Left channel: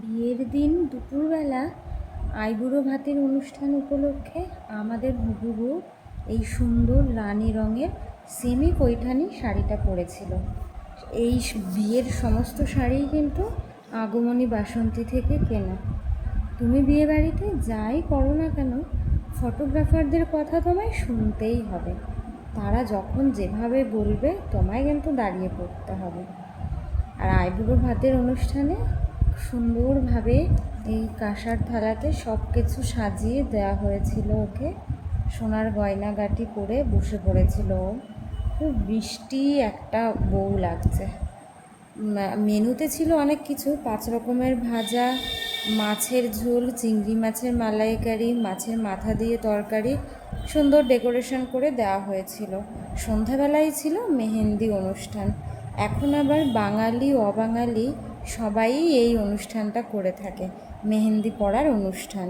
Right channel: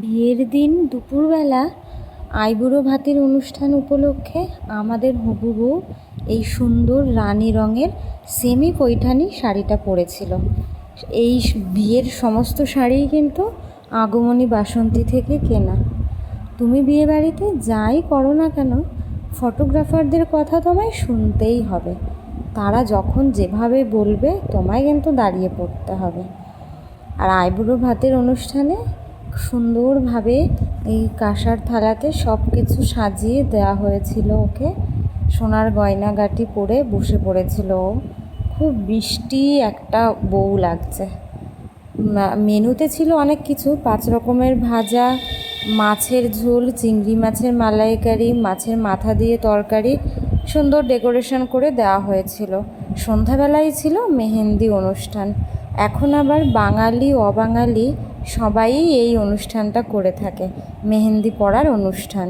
বিয়ের দিন দুপুরবেলা আইবুড়ো ভাতের অনুষ্ঠান উপলক্ষে আমাদের হবু বউ এই সুন্দর রানী রঙের সেমি পৈঠানি শাড়িটা পরেছিল। এই বিয়ের সমস্ত শাড়িই কিন্তু আগমনী বাসন্তী থেকে কেনা। তুমি বিয়ে বাড়িতে যাই করো না কেন, ফটোগ্রাফারদের কথা তোমায় শুনতেই হবে। তারা যখন যেভাবে বলবে তোমায় কিন্তু দাঁড়িয়ে পড়তে হবে। আর আইবুড়ো ভাতের অনুষ্ঠানে সুন্দরভাবে এই কাঁসার থালাতে সব কিছু সাজিয়ে দেওয়া হয়েছিল ওকে। সোনার গয়নাগাটি পরে বসে পড়েছিল ও। খুব মিষ্টি একটা বউ লাগছে। মেনুতে ছিল অনেক কিছু, 5 রকমের ভাজা, মাছের ঝোল, চিংড়ি মাছের মালাইকারি, মাছের মাথা দিয়ে তরকারি, সুন্দর ডেকোরেশন করে দেওয়া হয়েছিল। সন্ধ্যাবেলায় ছিল মেহেন্দি অনুষ্ঠান। এখন আবার বাঙালি অবাঙালি সবাই এই অনুষ্ঠানটা করে থাকে, মেহেন্দি পড়ার অনুষ্ঠান।